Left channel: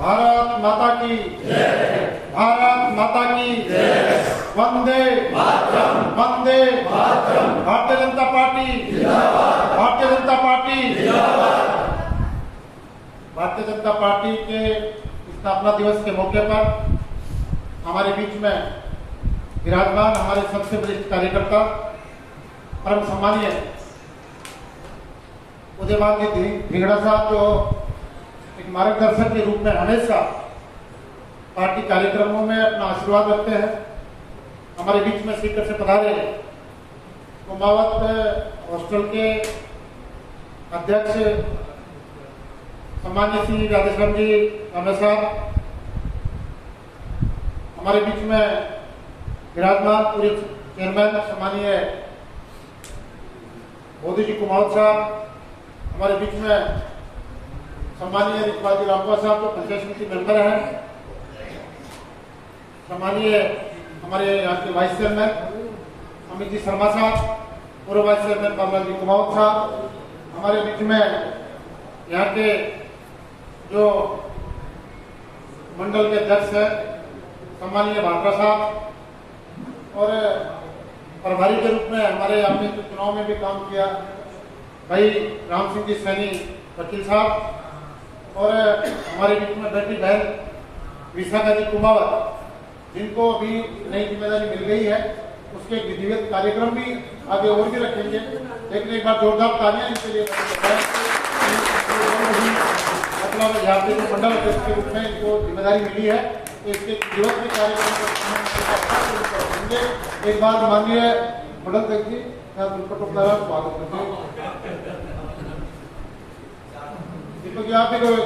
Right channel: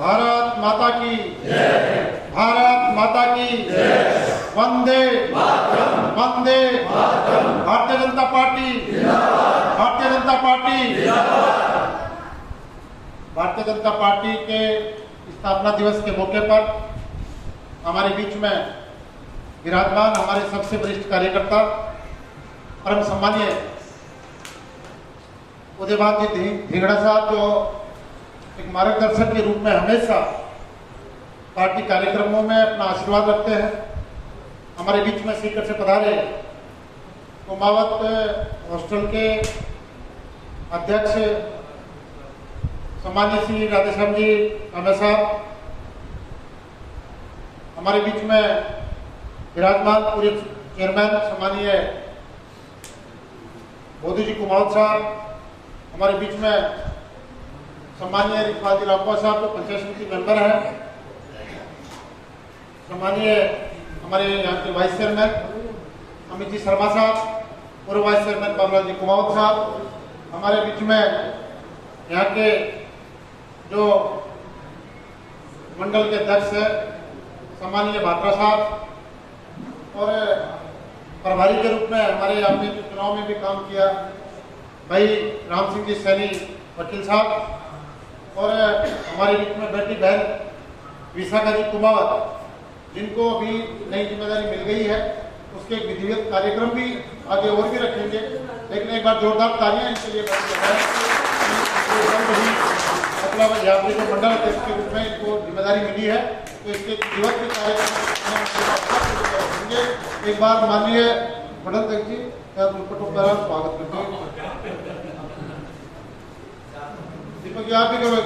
भारत माता की जय। भारत माता की जय। वंदे मातरम। वंदे मातरम। भारतीय जनता पार्टी जिंदाबाद। भारतीय जनता पार्टी जिंदाबाद। भारतीय जनता पार्टी के स्थापना दिवस के मौके पर हमारे बीच में विराजमान हमारे सबसे वरिष्ठ कार्यकर्ता परम सम्मानीय उदयभान जी धिंगड़ा साहब, जो एक मार्गदर्शक के रूप में हमेशा पार्टी कार्यक्रमों में अपना आशीर्वाद रखते हैं। हमारे बीच में सीकर से पधारे कुमावत हॉस्टल के अध्यक्ष सम्मानीय श्री राधेश्याम जी हमेशा हमारे बीच में विराजमान पूरे चेयरमैन सम्मानीय मोदी जी कुमावत साहब, हमारे बीच में सम्मानीय रिकवादी रामपाल साहब जो पंचायत समिति मेंबर हैं, सम्मानीय हमारे यहाँ के वाइस चेयरमैन अमित जी शर्मा साहब, पूर्व वाइस चेयरमैन बाबूलाल जी कुमावत साहब, हमारे बीच में यहाँ के जो मंडल के अध्यक्ष है सम्मानीय भाटरा साहब, और प्रभारी के रूप में हमारे आपने चुनाव में भी काम किया भाई राम सिंह जी सैनी वकील साहब, और हमारे बीच में बेटी बहन विशाखा जी कुमावत, जिनको अभी नई जिम्मेदारी मिल गई है, उसके एक विधिवत कार्यक्रम भी आगे और भी रखेंगे। लेकिन एक बार जोरदार तालियां इनके लिए मतलब यहाँ के जो मंडल अध्यक्ष के रूप में इनको जिम्मेदारी मिली है, तो इसके विधिवत भी कार्यक्रम एक बार माननीय मंडल अध्यक्ष जी स्वागत करते हैं। दीपक जी आप भी करो।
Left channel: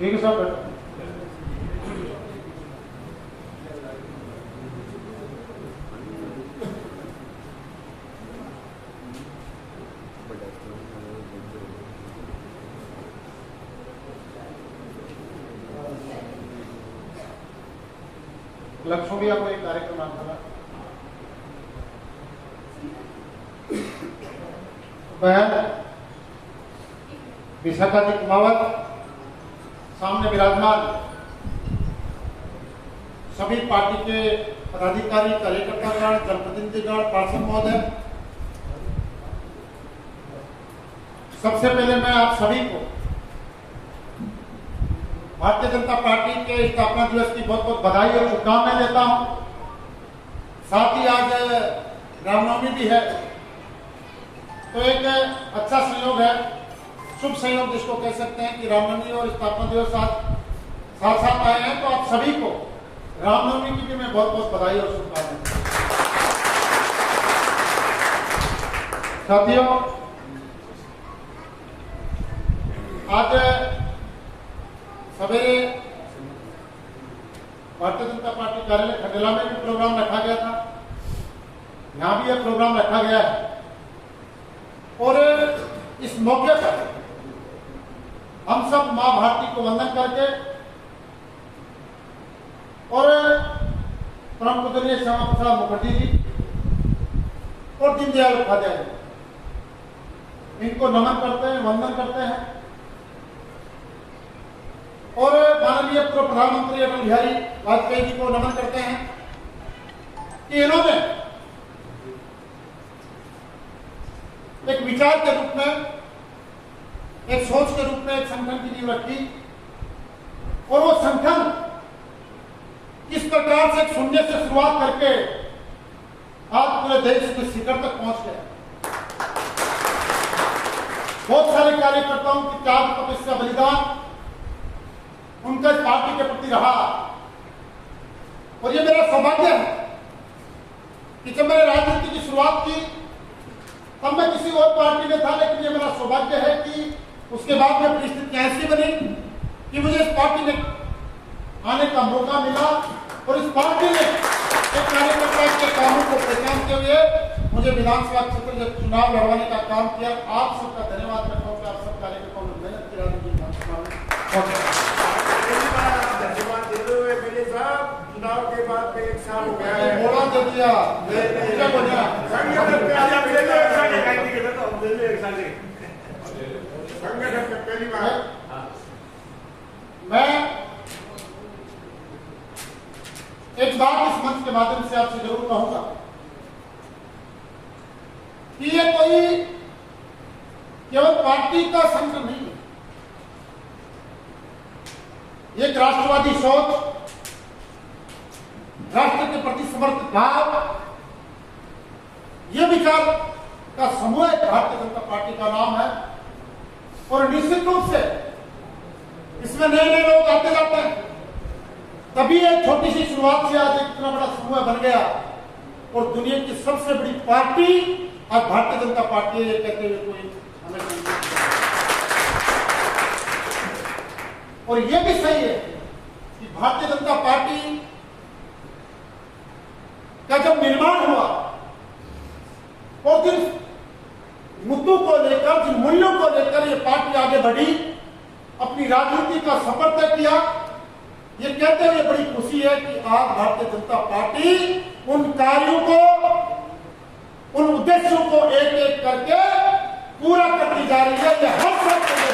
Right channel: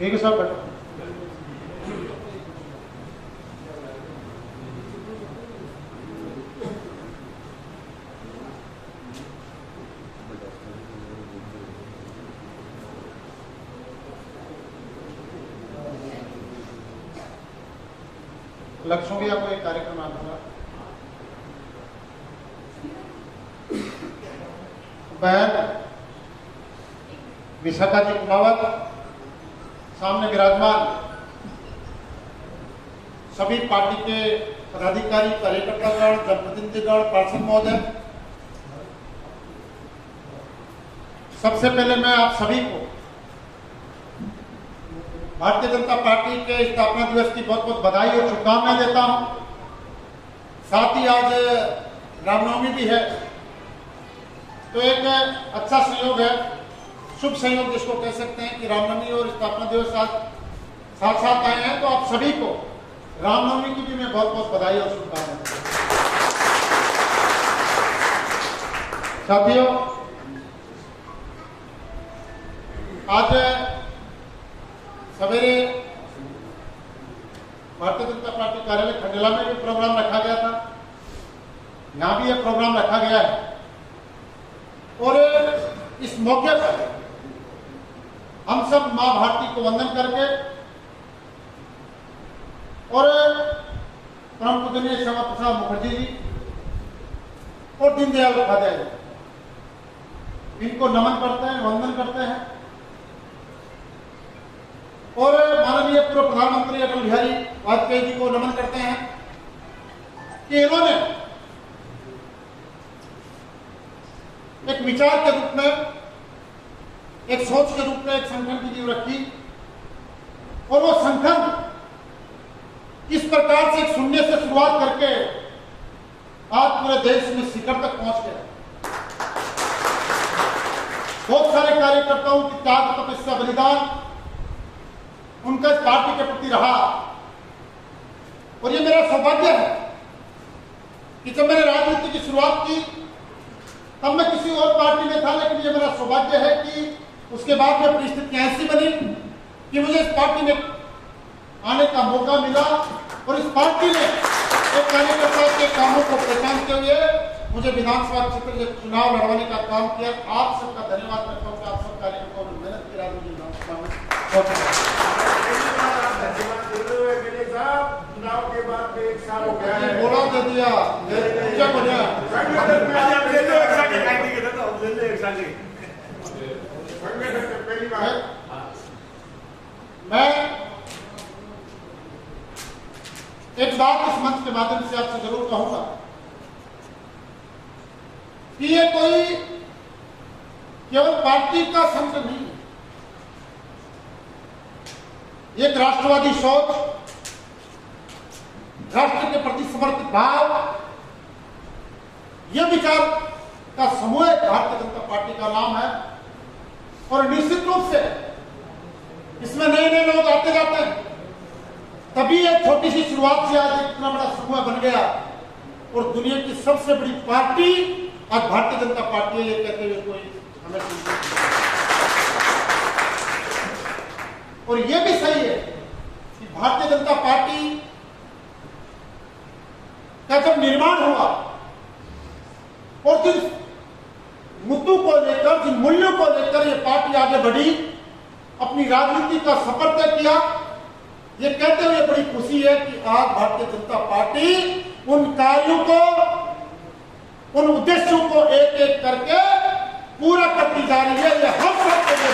ठीक है सर। लक्ष्यों भी आपको एक कार्यक्रम आता है। बहन विशाखा जी कुमावत, सामने विराजमान सभी पार्टी के पदाधिकारी, कार्यकर्तागण, जनप्रतिनिधिगण, पार्षद महोदय, सबसे पहले मैं आप सभी को भारतीय जनता पार्टी के स्थापना दिवस की बहुत बहुत बधाई और शुभकामनाएं देता हूं। साथ ही आज रामनवमी भी है, तो एक अच्छा संयोग है, शुभ संयोग जिसको कह सकते हैं कि रामनवमी और स्थापना दिवस साथ साथ आए हैं। तो आप सभी को रामनवमी की भी मैं बहुत बहुत बधाई और शुभकामनाएं। साथियों, आज सवेरे भारतीय जनता पार्टी कार्यालय खंडेला में भी प्रोग्राम रखा गया था, यहां भी एक प्रोग्राम रखा गया है, और इस मौके पर हम सब मां भारती को वंदन करके और परम पूजनीय श्यामा प्रसाद मुखर्जी जी और दीनदयाल उपाध्याय इनको नमन करते हैं, वंदन करते हैं, और माननीय पूर्व प्रधानमंत्री अटल बिहारी वाजपेयी जी को नमन करते हैं कि इन्होंने एक विचार के रूप में, एक सोच के रूप में एक संगठन की नींव रखी, और वो संगठन इस प्रकार से एक शून्य से शुरुआत करके आज पूरे देश में शिखर तक पहुंच गया। बहुत सारे कार्यकर्ताओं की त्याग, तपस्या, बलिदान उनका इस पार्टी के प्रति रहा। और ये मेरा सौभाग्य है कि जब मैंने राजनीति की शुरुआत की तब मैं किसी और पार्टी में था, लेकिन ये मेरा सौभाग्य है कि उसके बाद में परिस्थितियां ऐसी बनी कि मुझे इस पार्टी में आने का मौका मिला और इस पार्टी ने एक कार्यकर्ता के कामों को पहचानते हुए मुझे विधानसभा क्षेत्र में चुनाव लड़वाने का काम किया। आप सबका धन्यवाद करता हूँ कि आप सब कार्यकर्ताओं ने मेहनत की राजनीति चुनाव के बाद 1 साल हो गया है, बोला दे दिया संगठन में पहली बार मैं एक बात इस मंच के माध्यम से आपसे जरूर कहूंगा कि ये कोई केवल पार्टी का संकट नहीं है, एक राष्ट्रवादी सोच, राष्ट्र के प्रति समर्पित भाव, यह विचार का समूह भारतीय जनता पार्टी का नाम है। और निश्चित रूप से इसमें नए नए लोग आते जाते हैं, तभी एक छोटी सी शुरुआत से आज एक इतना बड़ा समूह बन गया और दुनिया की सबसे बड़ी पार्टी आज भारतीय जनता पार्टी है। ये कहते हुए कोई हमें और ये भी सही है कि भारतीय जनता पार्टी का जब निर्माण हुआ और जिस मुद्दों को लेकर, जिन मूल्यों को लेकर ये पार्टी आगे बढ़ी, अपनी राजनीति का सफर तय किया, ये कहते हुए बड़ी खुशी है कि आज भारतीय जनता पार्टी उन कार्यों को, उन उद्देश्यों को एक एक करके पूरा करती जा रही है। ये हम सब के लिए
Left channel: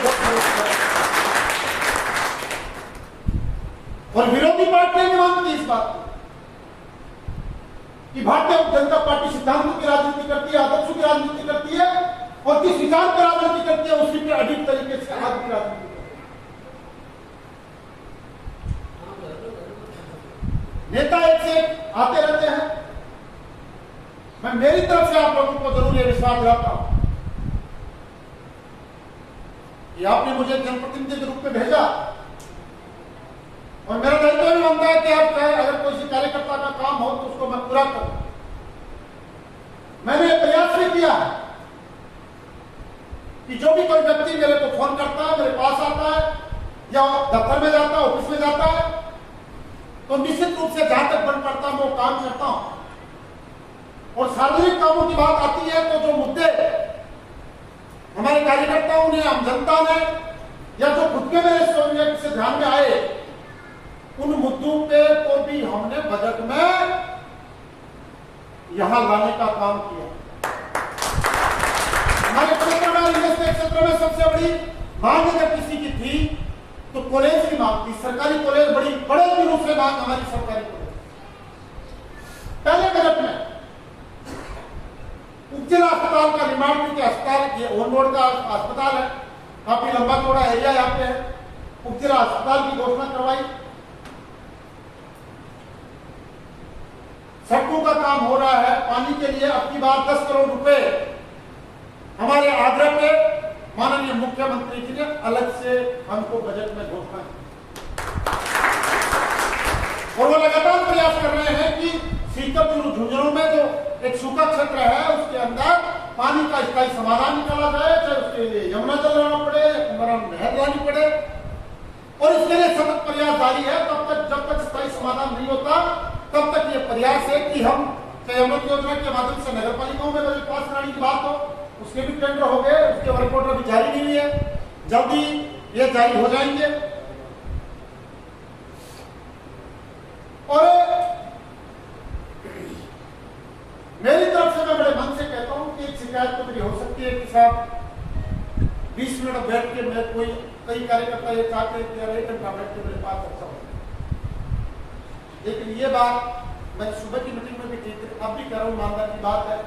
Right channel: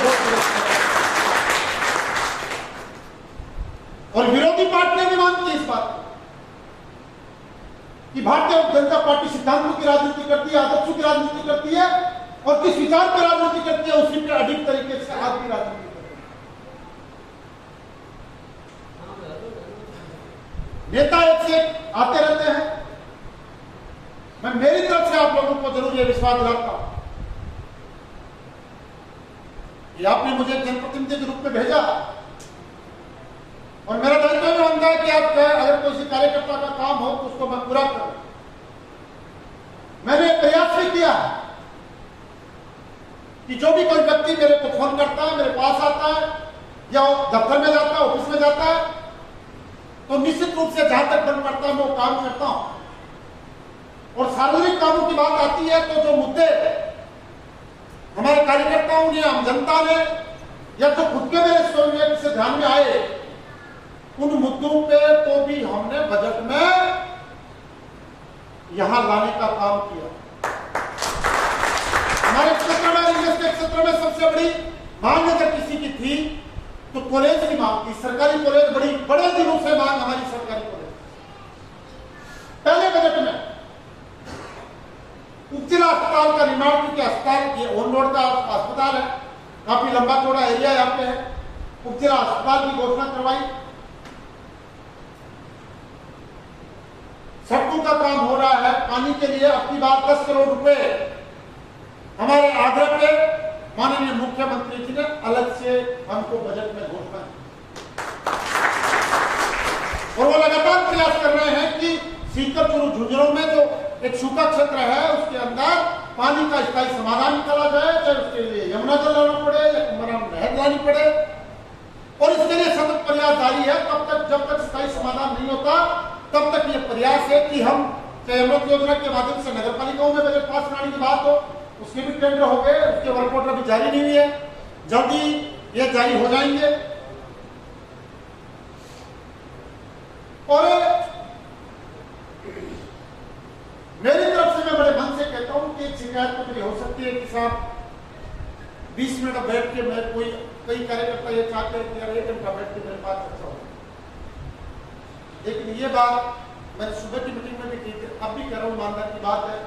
और विरोधी पार्टियां भी मानती है इस बात को कि भारतीय जनता पार्टी सिद्धांतों की राजनीति करती है, आदर्शों की राजनीति करती है और किस विचार पर राजनीति करती है उसी पर अधिक तरीके से आज की राजनीति करती है। नेता एक से आते रहते हैं। मैं मेरी तरफ से आप लोगों को जरूर यह विश्वास दिलाता हूं कि आपने मुझे जनप्रतिनिधि के रूप में भेजा और मेरा दायित्व भी बनता है कि आप अगर कोई कार्यकर्ता का काम हो तो उसको मैं पूरा करूं। मैंने प्रयास भी किया कि जो भी कोई व्यक्ति मेरे को फोन करता है, मेरे पास आता है या दफ्तर में जाता है, ऑफिस में जाता है, तो निश्चित रूप से जहां तक बन पड़ता है मैं वो काम करता हूं। और सार्वजनिक कामों की बात आती है तो जो मुद्दे हमारे कार्यकर्ताओं ने, आम जनता ने या जो खुद के मेरे स्वयं से ध्यान में आए, उन मुद्दों पे तो भी हमने बजट में यहां लाने का काम किया। हमारे क्षेत्र में, क्षेत्र में सबसे बड़ी मांग अगर किसी की थी तो कॉलेज की मांग थी। सरकारी कॉलेज बड़े दिनों से मांग हमारी सरकारी कॉलेज। पहले बजट में उपजिला अस्पताल का निर्माण, क्योंकि अस्पताल ये ऑन रोड का अस्पताल है, काफी लंबा चौड़ा एरिया यहाँ पे है, उपजिला अस्पताल की घोषणा करवाई। सड़कों का काम हो रहा है, पानी के लिए अपनी बार 10 करोड़ रुपए हमारे आग्रह पे माननीय मुख्यमंत्री जी ने अलग से हमको बजट में घोषणा की और वो लगातार प्रयास कर रहे हैं कि सीकर झुंझुनों में जो एक सूखा क्षेत्र है उसके अंदर पानी का स्थायी समाधान निकाला जाए, चाहे उसके लिए यमुना जल लाना पड़े या कुंभरा नहर लानी पड़े। और इसके लिए सतत प्रयास जारी है। तब तक जब तक स्थायी समाधान नहीं होता तब तक ये प्रयास है कि हम चाहे अमृत योजना के माध्यम से नगर पालिकाओं में बजट पास कराने की बात हो, उसके भी टेंडर हो गए, उसके वर्क ऑर्डर अभी जारी नहीं हुई है, जल्दी ये जारी हो जाएंगे। और मेरी तरफ से मैं बड़े मन से कहता हूं कि एक शिकायत तो मेरी हो सकती है कि साहब 20 मिनट बैठ के मैं कई कार्यकर्ता ये चाहते हैं कि यार 1 घंटा बैठ के मेरे पास अच्छा हो। लेकिन ये बात मैंने सुबह की मीटिंग में भी की थी, अब भी कह रहा हूं, ईमानदार की बात है,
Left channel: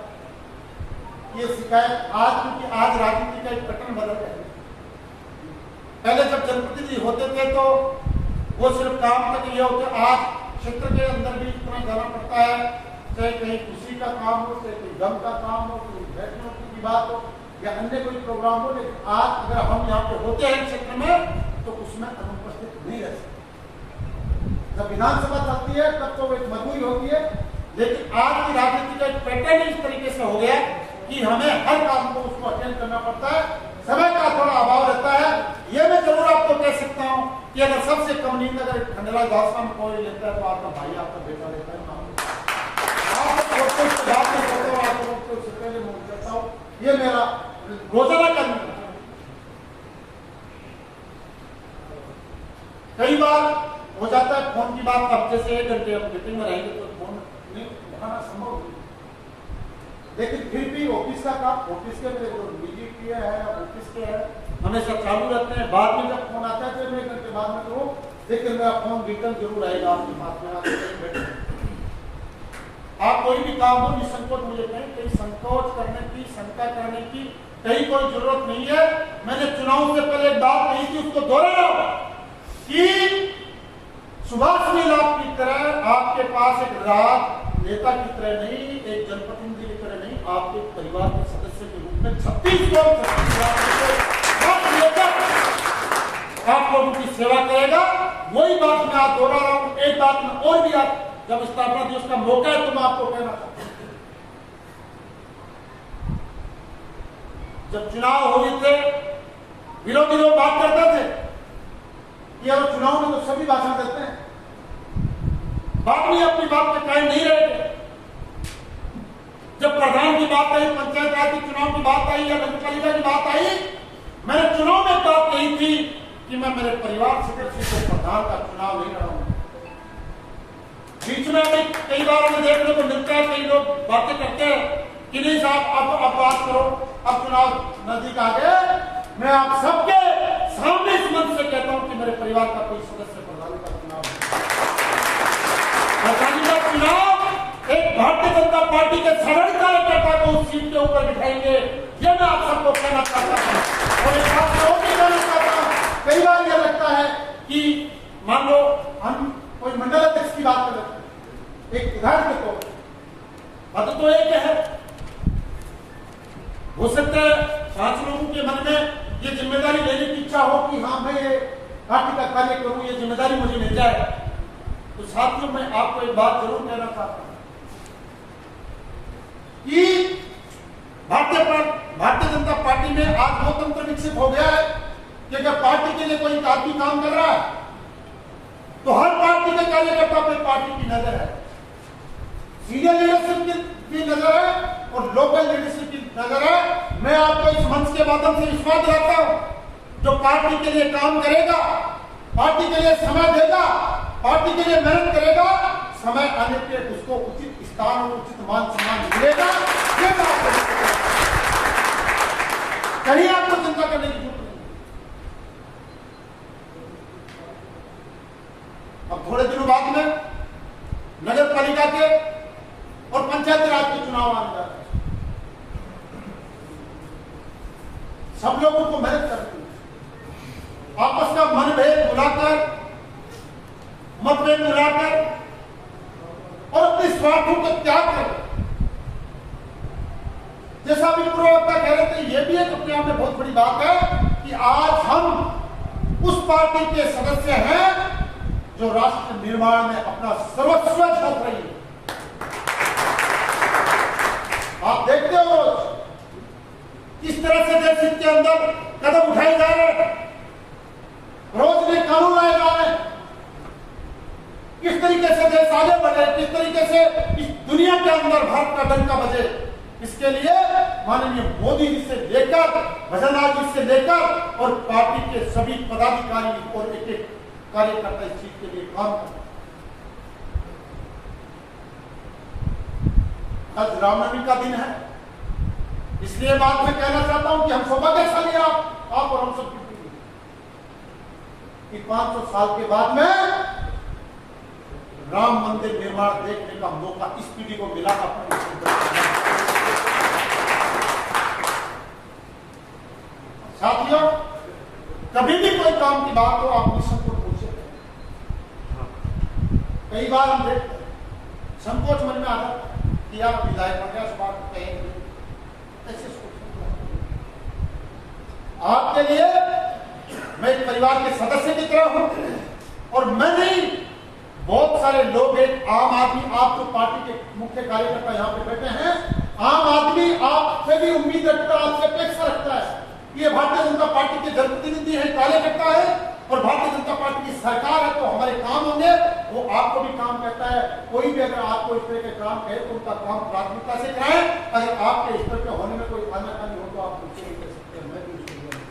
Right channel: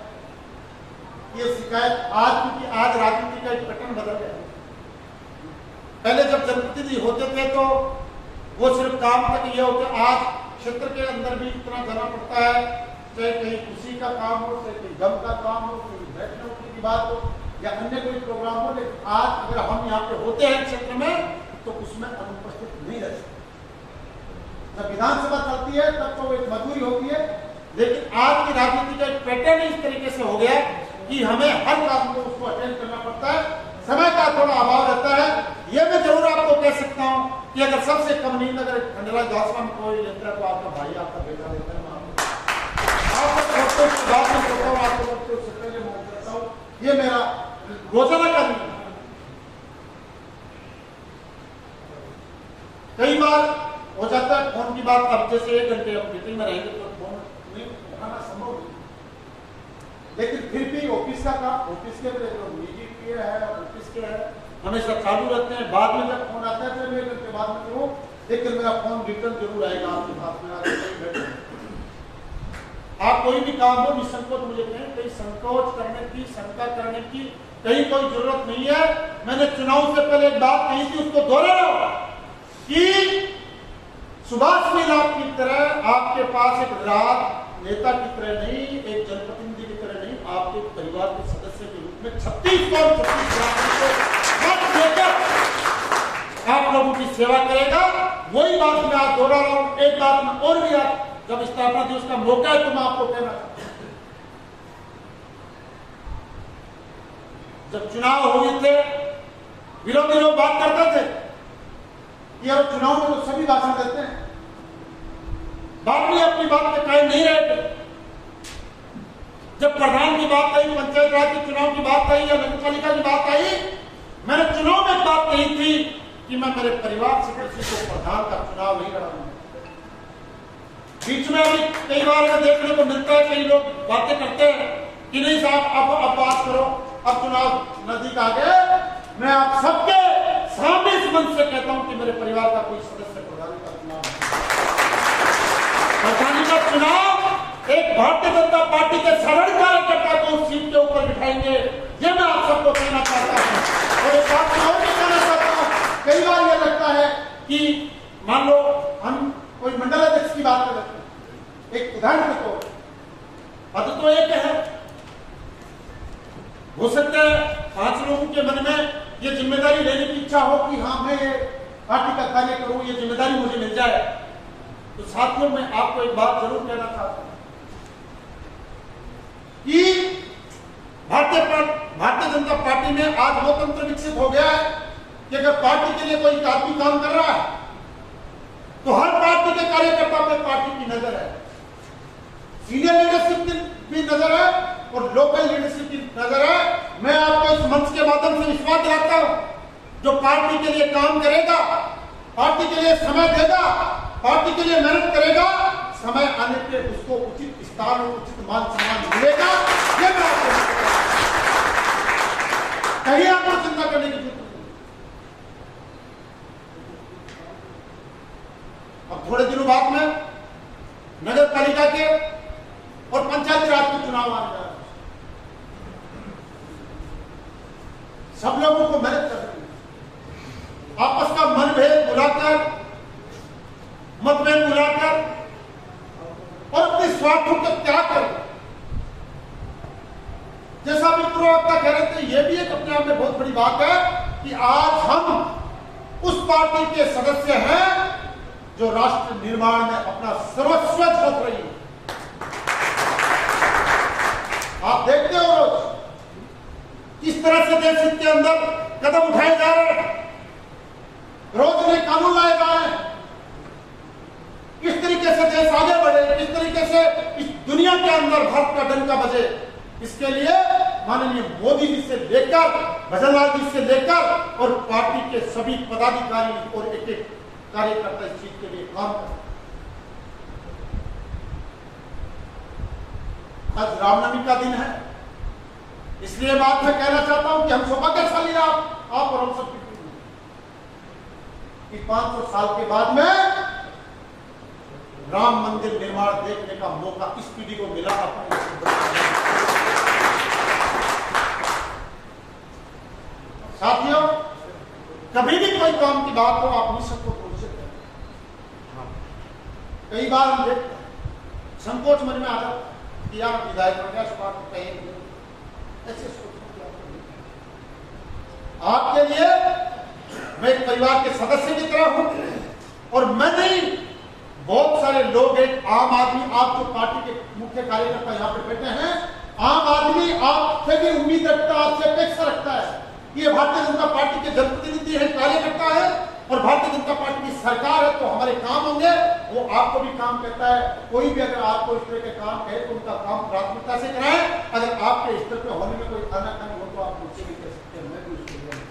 ये शिकायत आज, क्योंकि आज राजनीति का एक पैटर्न बदल गया है। पहले जब जनप्रतिनिधि होते थे तो वो सिर्फ काम तक ये होते, आज क्षेत्र के अंदर भी इतना जाना पड़ता है, चाहे कहीं खुशी का काम हो, चाहे कहीं गम का काम हो, कहीं बैठने उठने की बात हो, या अन्य कोई प्रोग्राम हो, लेकिन आज अगर हम यहाँ पे होते हैं क्षेत्र में तो उसमें अनुपस्थित नहीं रह सकते। जब विधानसभा चलती है तब तो एक मजबूरी होती है, लेकिन आज की राजनीति का एक पैटर्न इस तरीके से हो गया कि हमें हर काम को उसको अटेंड करना पड़ता है, समय का थोड़ा अभाव रहता है। यह मैं जरूर आपको कह सकता हूं कि अगर सबसे कम नींद अगर खंडराज दासवा में कोई लेता है तो आपका भाई, आपका बेटा लेता है। ये मेरा रोजाना का नियम है। कई बार हो जाता है फोन की बात, अब जैसे 1 घंटे हम मीटिंग में रहेंगे तो फोन नहीं उठाना संभव नहीं, लेकिन फिर भी ऑफिस का काम ऑफिस के निजी के है और ऑफिस के है, हमेशा चालू रहते हैं। बाद में जब फोन आता है तो 1 घंटे बाद में करूँ, लेकिन मेरा फोन रिटर्न जरूर आएगा आपके पास में। आप कोई भी काम हो निसंकोच मुझे कहें, कहीं संकोच करने की, शंका करने की कहीं कोई जरूरत नहीं है। मैंने चुनाव से पहले एक बात कही थी, उसको दोहरा रहा हूं कि सुभाष मीलाप की तरह आपके पास एक राज नेता की तरह नहीं, एक जनप्रतिनिधि की तरह नहीं, आपके परिवार के सदस्य के रूप में 36 आप लोगों की सेवा करेगा। वही बात मैं आज दोहरा रहा हूं। एक बात में और भी आप जब स्थापना दिवस का मौका है तो मैं आपको कहना चाहता हूं, जब चुनाव हुए थे विरोधी लोग बात करते थे कि यार चुनाव में तो सभी भाषण देते हैं, बाद में अपनी बात पे कायम नहीं रहे थे। जब प्रधान की बात आई, पंचायत राज के चुनाव की बात आई या नगर पालिका की बात आई, मैंने चुनाव में बात कही थी कि मैं मेरे परिवार से किसी को प्रधान का चुनाव नहीं लड़ाऊंगा। बीच में भी कई बार हमें देखने को मिलता है, कई लोग बातें करते हैं कि नहीं साहब अब बात करो, अब चुनाव नजदीक आ गए। मैं आप सबके सामने इस मंच से कहता हूं कि मेरे परिवार का कोई सदस्य प्रधानी का चुनाव प्रधानी का चुनाव एक भारतीय जनता पार्टी के साधारण कार्यकर्ता को उस सीट के ऊपर बिठाएंगे, ये मैं आप सबको कहना चाहता हूं। और एक बात और भी कहना चाहता हूं, कई बार यह लगता है कि मान लो हम कोई मंडल अध्यक्ष की बात कर रहे हैं, एक उदाहरण के तौर पद तो एक है, हो सकता है 5 लोगों के मन में ये जिम्मेदारी लेने की इच्छा हो कि हाँ मैं ये पार्टी का कार्य करूं, ये जिम्मेदारी मुझे मिल जाए। तो साथियों मैं आपको एक बात जरूर कहना चाहता हूं कि भारतीय जनता पार्टी में आज वो तंत्र विकसित हो गया है कि अगर पार्टी के लिए कोई आदमी काम कर रहा है तो हर पार्टी के कार्यकर्ता पर पार्टी की नजर है, सीनियर लीडरशिप की भी नजर है और लोकल लीडरशिप की नजर है। मैं आपको इस मंच के माध्यम से विश्वास दिलाता हूं, जो पार्टी के लिए काम करेगा, पार्टी के लिए समय देगा, पार्टी के लिए मेहनत करेगा, समय आने पे उसको उचित स्थान और उचित मान सम्मान मिलेगा। ये मैं आपको कहीं आपको चिंता करने की जरूरत नहीं। अब थोड़े दिनों बाद में नगर पालिका के और पंचायत राज के चुनाव आने जा रहे हैं। सब लोगों को मेहनत करनी है, आपस का मनभेद भुलाकर, मतभेद भुलाकर और अपने स्वार्थों को त्याग कर, जैसा भी प्रवक्ता कह रहे थे, यह भी एक अपने आप में बहुत बड़ी बात है कि आज हम उस पार्टी के सदस्य हैं जो राष्ट्र निर्माण में अपना सर्वस्व झोंक रही है। आप देखते हो किस तरह से देश हित के अंदर कदम उठाए जा रहे हैं, रोज नए कानून लाए जा रहे हैं, किस तरीके से देश आगे बढ़े, किस तरीके से इस दुनिया के अंदर भारत का डंका बजे। इसके लिए माननीय मोदी जी से लेकर भजनलाल जी से लेकर और पार्टी के सभी पदाधिकारी और एक एक कार्यकर्ता इस चीज के लिए काम करते। आज रामनवमी का दिन है, इसलिए बात मैं कहना चाहता हूं कि हम सौभाग्यशाली आप और हम सब कि 500 साल के बाद में राम मंदिर निर्माण देखने का मौका इस पीढ़ी को मिला। साथियों, कभी भी कोई काम की बात हो आप निसंकोच बोल सकते हैं। कई बार हम देखते हैं संकोच मन में आ जाता है कि यार विधायक बन गया, सुबह को कहेंगे, ऐसे सोचते आपके लिए मैं एक परिवार के सदस्य की तरह हूं, और मैं नहीं, बहुत सारे लोग, एक आम आदमी, आप जो पार्टी के मुख्य कार्यकर्ता यहाँ पे बैठे हैं, आम आदमी आपसे भी उम्मीद रखता है, आपसे अपेक्षा रखता है। ये भारतीय जनता पार्टी के जनप्रतिनिधि है, कार्यकर्ता है, और भारतीय जनता पार्टी की सरकार है, तो हमारे काम होंगे। वो आपको भी काम करता है। कोई भी अगर आपको इस तरह के काम कहे तो उनका काम प्राथमिकता से कराएं। अगर आपके स्तर पे होने में कोई आनाकानी हो तो आप मुझसे नहीं कह सकते, मैं भी उसको बोलूं,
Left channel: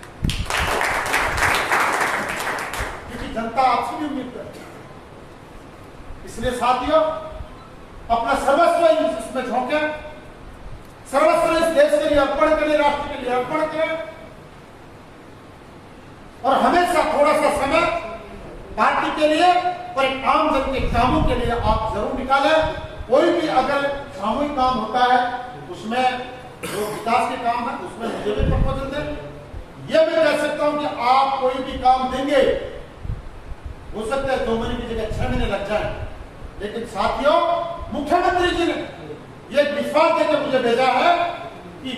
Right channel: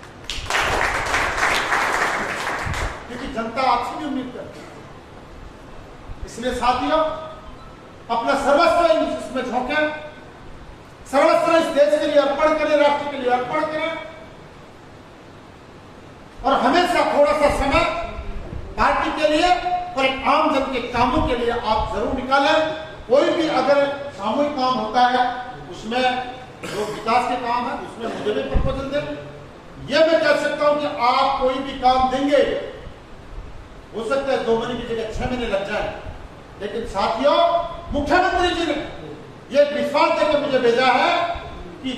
क्योंकि जनता आपसे भी उम्मीद करती है। इसलिए साथियों, अपना सर्वस्व इसमें झोंके, सर्वस्व इस देश के लिए अर्पण करें, राष्ट्र के लिए अर्पण करें, और हमेशा थोड़ा सा समय पार्टी के लिए और एक आम जन के कामों के लिए आप जरूर निकालें। कोई भी अगर सामूहिक काम होता है, उसमें जो विकास के काम है, उसमें मुझे भी प्रपोजल दें। यह मैं कह सकता हूं कि आप कोई भी काम देंगे, हो सकता है 2 महीने की जगह 6 महीने लग जाए, लेकिन साथियों, मुख्यमंत्री जी ने यह विश्वास देकर मुझे भेजा है कि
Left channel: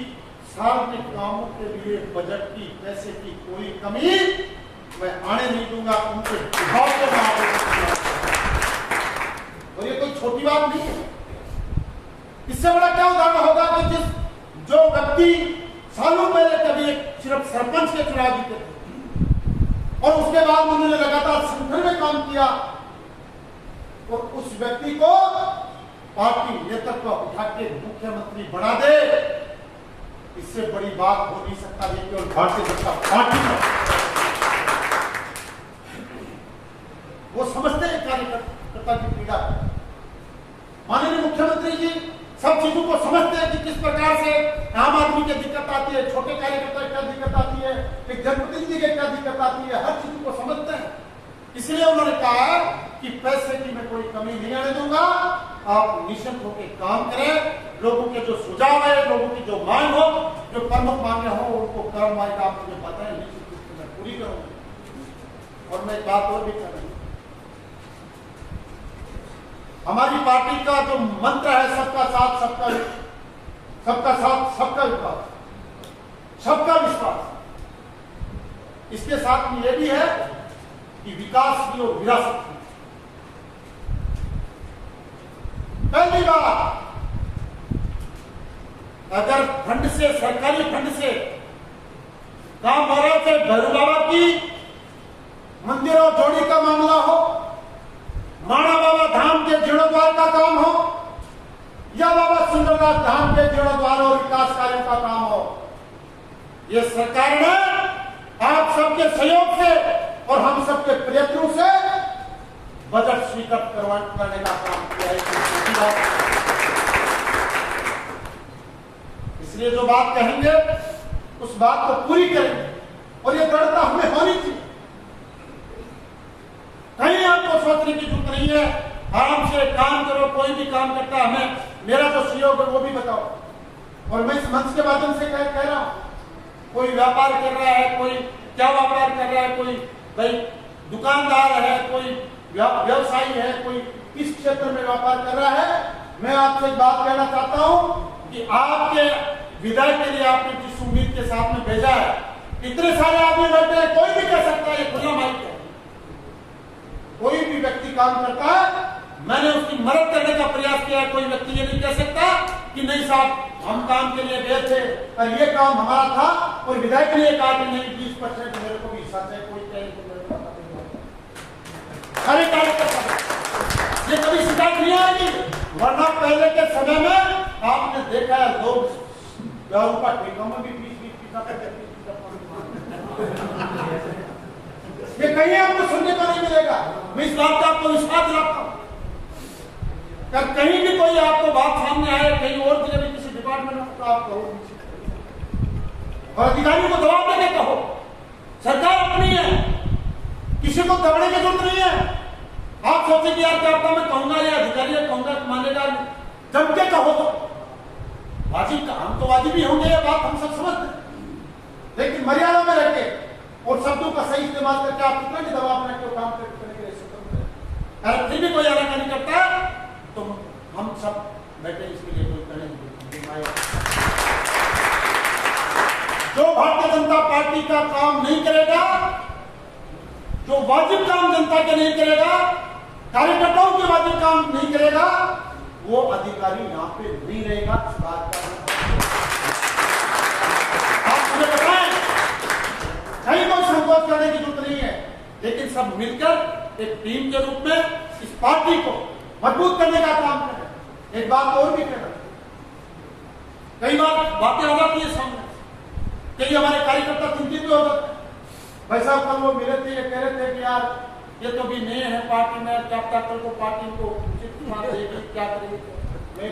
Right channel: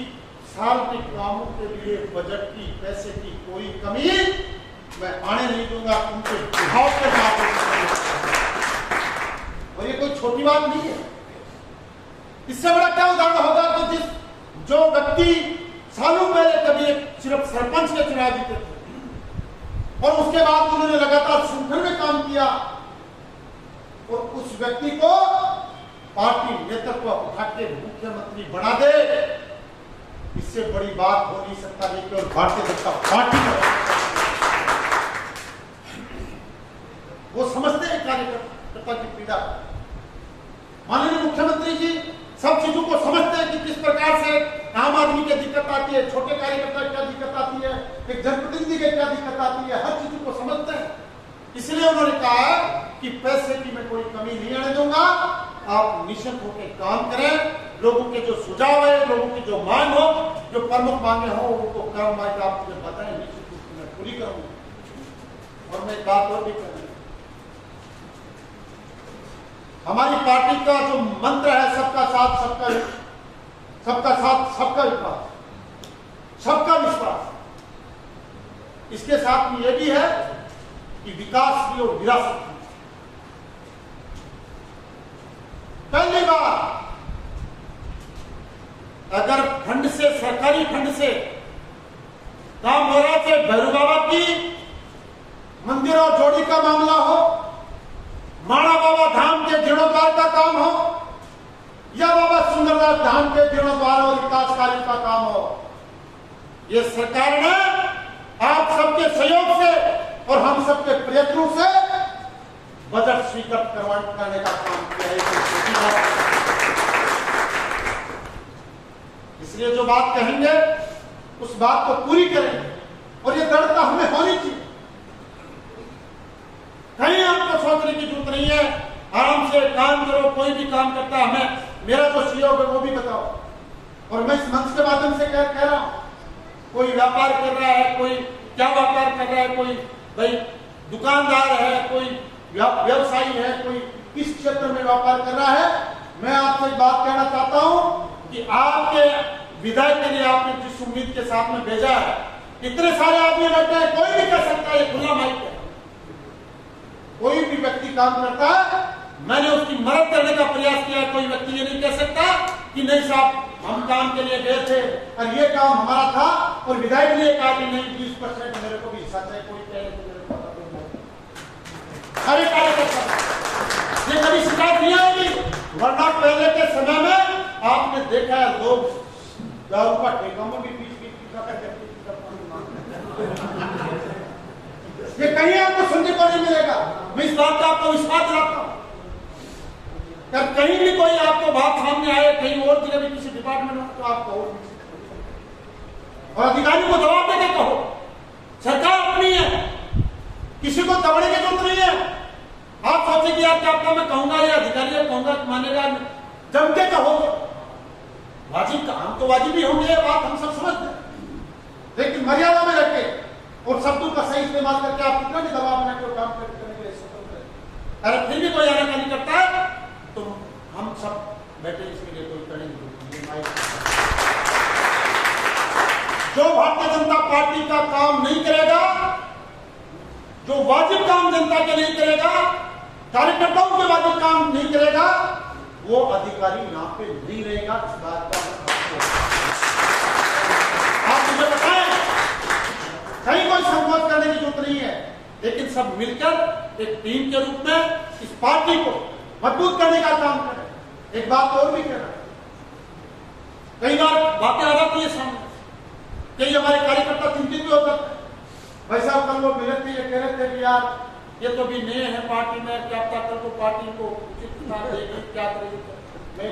सार्वजनिक कामों के लिए बजट की, पैसे की कोई कमी मैं आने नहीं दूंगा। उनके विभाग के बाद, और ये कोई छोटी बात नहीं है। इससे बड़ा क्या उदाहरण होगा कि जो व्यक्ति सालों पहले कभी एक सिर्फ सरपंच के चुनाव जीते थे, और उसके बाद उन्होंने लगातार संगठन में काम किया, और उस व्यक्ति को पार्टी नेतृत्व उठा के मुख्यमंत्री बना दे, इससे बड़ी बात हो नहीं सकता। ये केवल भारतीय जनता पार्टी है। वो समझते हैं कार्यकर्ता की पीड़ा। माननीय मुख्यमंत्री जी सब चीजों को समझते हैं कि किस प्रकार से आम आदमी की दिक्कत आती है, छोटे कार्यकर्ता की क्या दिक्कत आती है, एक जनप्रतिनिधि की क्या दिक्कत आती है, हर चीजों को समझते हैं। इसलिए उन्होंने कहा कि पैसे की मैं कोई कमी नहीं आने दूंगा, आप निश्चित होकर काम करें। लोगों के जो सुझाव है, लोगों की जो मांग हो, जो प्रमुख मांगे हो, उनको करो, मांग आप मुझे बताएं, निश्चित रूप से मैं पूरी करूंगा। और मैं एक बात और भी करूंगा, हमारी पार्टी का जो मंत्र है, सबका साथ सबका विकास, सबका विश्वास, इसके साथ में यह भी है कि विकास की और विरासत की। पहली बार अगर फंड से, सरकारी फंड से काम हो रहा है, भैरव बाबा की मंदिर और जोड़ी का मामला हो, माणा बाबा धाम के जीर्णोद्वार का काम हो, या बाबा सुंदरदास धाम के जीर्णोद्वार और विकास कार्य का काम हो, यह सरकार ने आप सबके सहयोग से और हम सबके प्रयत्नों से बजट स्वीकृत करने का काम किया है। इसलिए जो बात कहेंगे उस बात को पूरी करें, और ये दृढ़ता हमें होनी चाहिए। कहीं आपको सोचने की जरूरत नहीं है, आराम से काम करो। कोई भी काम करता है, हमें मेरा जो सहयोग है वो भी बताओ। और मैं इस मंच के माध्यम से कह रहा हूं, कोई व्यापार कर रहा है, कोई क्या व्यापार कर रहा है, कोई भाई दुकानदार है, कोई व्यवसायी है, कोई किस क्षेत्र में व्यापार कर रहा है, मैं आपसे एक बात कहना चाहता हूं कि आपके विदाई के लिए आपने जिस उम्मीद के साथ में भेजा है, इतने सारे आदमी बैठे हैं, कोई भी कह सकता है, खुला माइक है, कोई भी व्यक्ति काम करता है, मैंने उसकी मदद करने का प्रयास किया। कोई व्यक्ति ये नहीं कह सकता कि नहीं साहब हम काम के लिए गए थे और ये काम हमारा था, और विधायक ने कहा कि नहीं 20% मेरे को भी हिस्सा चाहिए, कोई कहे तो मेरे को सारे कार्यकर्ता ये कभी शिकायत नहीं आएगी। वरना पहले के समय में आपने देखा है, लोग दारू का ठेका में भी 20-20 ये कहीं आपको सुनने को नहीं मिलेगा। मैं इस बात का आपको विश्वास दिलाता हूं, कहीं भी कोई आपको बात सामने आए, कहीं और जिले में किसी डिपार्टमेंट में, तो आप कहो और अधिकारियों को जवाब देके कहो। सरकार अपनी है, किसी को दबने की जरूरत नहीं है। आप सोचे कि यार क्या मैं कहूंगा या अधिकारियों कहूंगा मानेगा, जम के कहो। वाजिब का हम तो वाजिब ही होंगे, ये बात हम सब समझते हैं, लेकिन मर्यादा में रखे और शब्दों का सही इस्तेमाल करके आप कितना भी दबाव बना के काम करने के लिए स्वतंत्र है। अगर फिर भी कोई अलग नहीं करता है तो हम सब बैठे इसके लिए कोई करने की जरूरत नहीं। जो भारतीय जनता पार्टी का काम नहीं करेगा, जो वाजिब काम जनता के नहीं करेगा, कार्यकर्ताओं के वाजिब काम नहीं करेगा, वो अधिकारी यहां पे नहीं रहेगा। इस बात का आप मुझे बताएं, कहीं कोई संकोच करने की जरूरत नहीं है, लेकिन सब मिलकर एक टीम के रूप में इस पार्टी को मजबूत करने का काम करें। एक बात और भी कह रहा है, कई बार बातें आ जाती है सामने, कई हमारे कार्यकर्ता चिंतित भी हो जाते हैं। भाई साहब कल वो मिले थे, ये कह रहे थे कि यार ये तो भी नए हैं पार्टी में, क्या पता कल को पार्टी को उचित स्थान देगी, क्या करेगी। मैं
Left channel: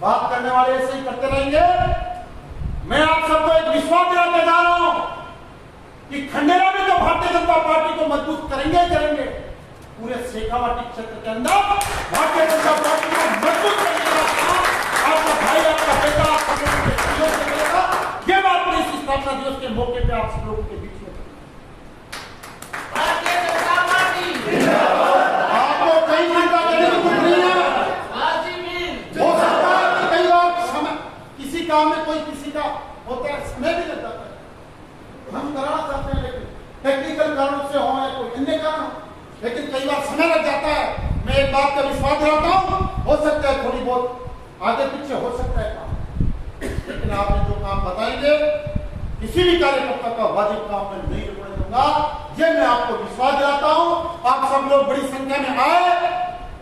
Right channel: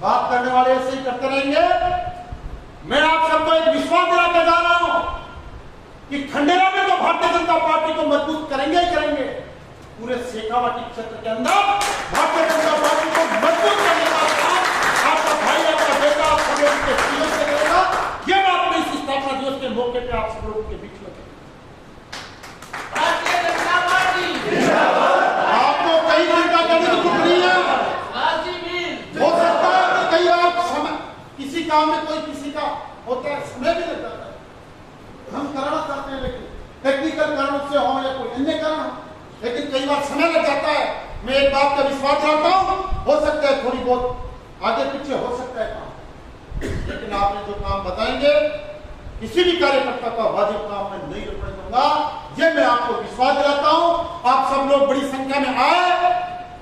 बात करने वाले ऐसे ही करते रहेंगे। मैं आप सबको एक विश्वास दिलाने जा रहा हूं कि खंडेरा में तो भारतीय जनता पार्टी को मजबूत करेंगे ही करेंगे, पूरे शेखावाटी क्षेत्र के अंदर भारतीय जनता पार्टी को मजबूत करने का काम आपका भाई, आपका बेटा, आपके करेगा। ये बात मैं इस स्थापना दिवस के मौके पे आप सब लोगों के बीच में भारतीय जनता पार्टी आपको कई चिंता करने की जरूरत नहीं है। हो सकता है कि कई बार समय किसी काम में कोई किसी का होता है, समय भी लग जाता है। हम कराना चाहते हैं लेकिन टेक्निकल कारणों से हो या कोई अन्य कारण हो, लेकिन कई बार समय लग जाता है। मैं एक बात का विश्वास दिलाता हूं, हो सकता है थोड़ी बहुत आगे पीछे हो सकता है काम, लेकिन आपने जो काम बताएंगे किसी भी कार्यकर्ता का वाजिब काम में नहीं रुकने दूंगा। ये मैं आपको विश्वास दिलाता हूं। आप सब लोग बड़ी संख्या में आए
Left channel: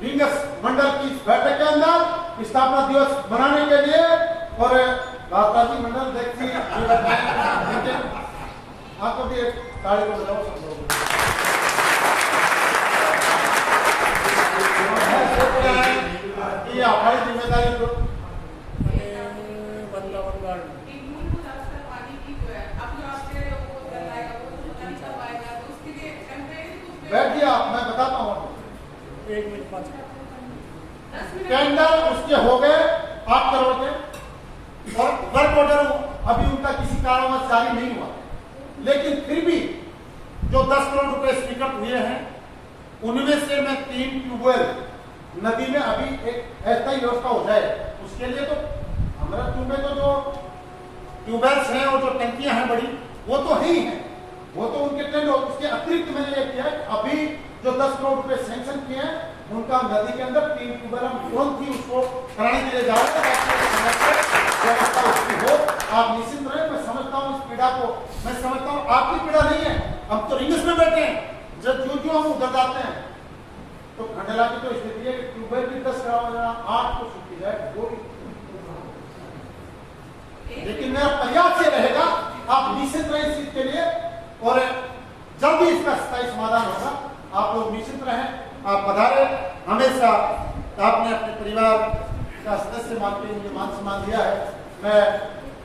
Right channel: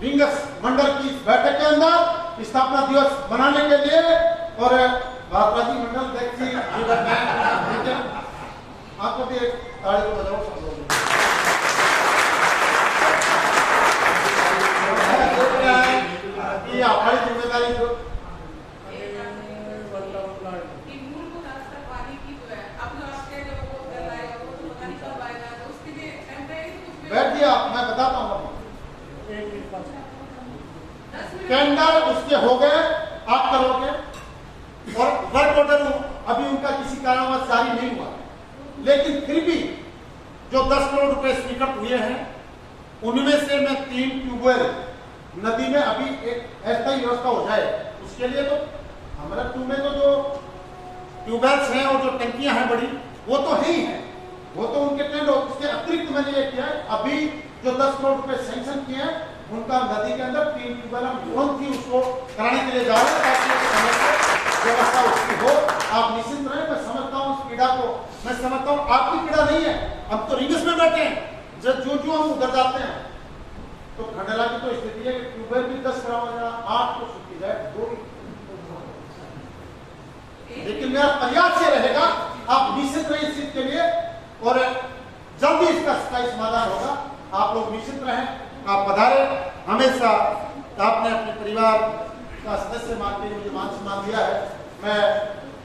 विंगस मंडल की इस बैठक के अंदर स्थापना दिवस मनाने के लिए, और राजबाजी मंडल देखिए आपको भी एक ताली बजाओ सब लोग। ये हमारी जिम्मेदारी को बैठ गया। मैं बताता हूँ, टेंडर उसके हो गए 8 करोड़ के, और वर्क ऑर्डर अभी उनका किसी कारणवश जारी नहीं हुआ, लेकिन फिर भी जो 10 करोड़ रुपए स्वीकृत हुए हैं उनमें से मैं 3 ट्यूबवेल नदी में अभी एक अस्थायी व्यवस्था हो जाए, उसके लिए तो हमारा ट्यूब में तो जो ट्यूबवेल्स हैं और जो टंकियां हैं बड़ी, वो तो है ही है, वो तो उनके टेंडर। उसके अतिरिक्त मैंने ये किया है, अभी जो 10 करोड़ रुपए सैंक्शन किए हैं उनका नदी के अंदर 3 ट्यूबवेल हम लोन थी उसको कराने के लिए जा रहे हैं, ताकि व्यवस्था उसकी हो। आप निश्चिंत रहे, मैं समझता हूँ इस पीड़ा को, मैं समझता हूँ आपकी पीड़ा नहीं है। हम तो रिंग्स में बैठे हैं, जब जो हम उधर जाते हैं तो खंडेला की तो स्थिति है कि ट्यूबवेल भी 10 कराओ, 8 को छुट्टी जाए 2। लेकिन मेरा प्रयास ये रहेगा, आप निश्चित रहे इस चीज के लिए, और जल्दी इसका स्थायी समाधान होगा। आप लोग निश्चित रहें, आप पधारे। हमेशा आपने अपने परिवार का सदस्य मान के मुझे मान सम्मान दिया है। मैं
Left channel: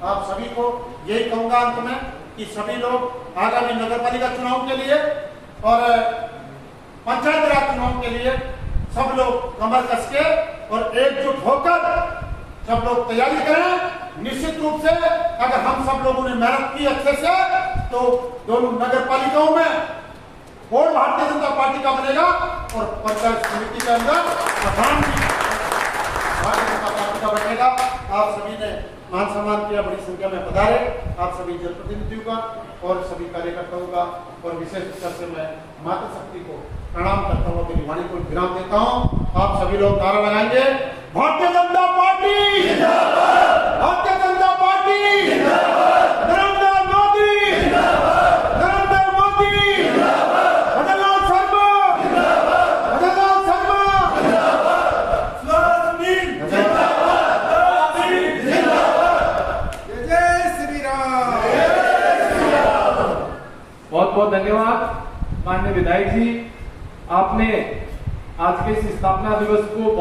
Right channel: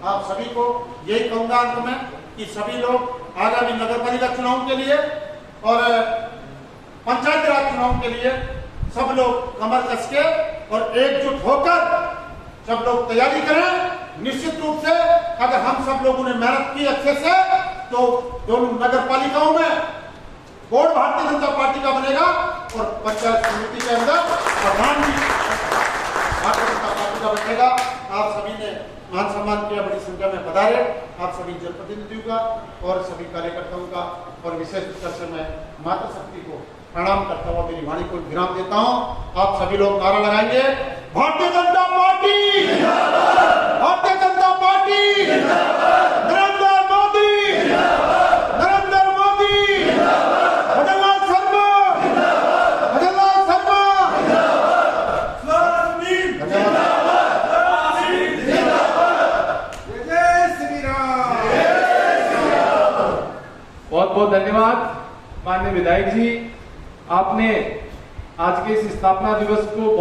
आप सभी को यही कहूंगा अंत में कि सभी लोग आगामी नगर पालिका चुनाव के लिए और पंचायत राज चुनाव के लिए सब लोग कमर कस के और एकजुट होकर सब लोग तैयारी करें। निश्चित रूप से अगर हम सब लोगों ने मेहनत की अच्छे से, तो दोनों नगर पालिकाओं में बोर्ड भारतीय जनता पार्टी का बनेगा और पंचायत समिति के अंदर प्रधान भी भारतीय जनता पार्टी का बनेगा। आप सभी ने मान सम्मान किया, बड़ी संख्या में पधारे। आप सभी जनप्रतिनिधियों का और सभी कार्यकर्ताओं का, और विशेष रूप से मैं मातृशक्ति को प्रणाम करता हूँ, मेरी वाणी को विराम देता हूँ। आप सभी लोग नारा लगाएंगे, भारतीय जनता पार्टी, भारतीय जनता पार्टी, नरेंद्र मोदी, नरेंद्र मोदी, भजनलाल शर्मा, भजनलाल शर्मा, जय श्री राम। बहुत बहुत धन्यवाद माननीय विधायक जी, आपने आज के इस स्थापना दिवस को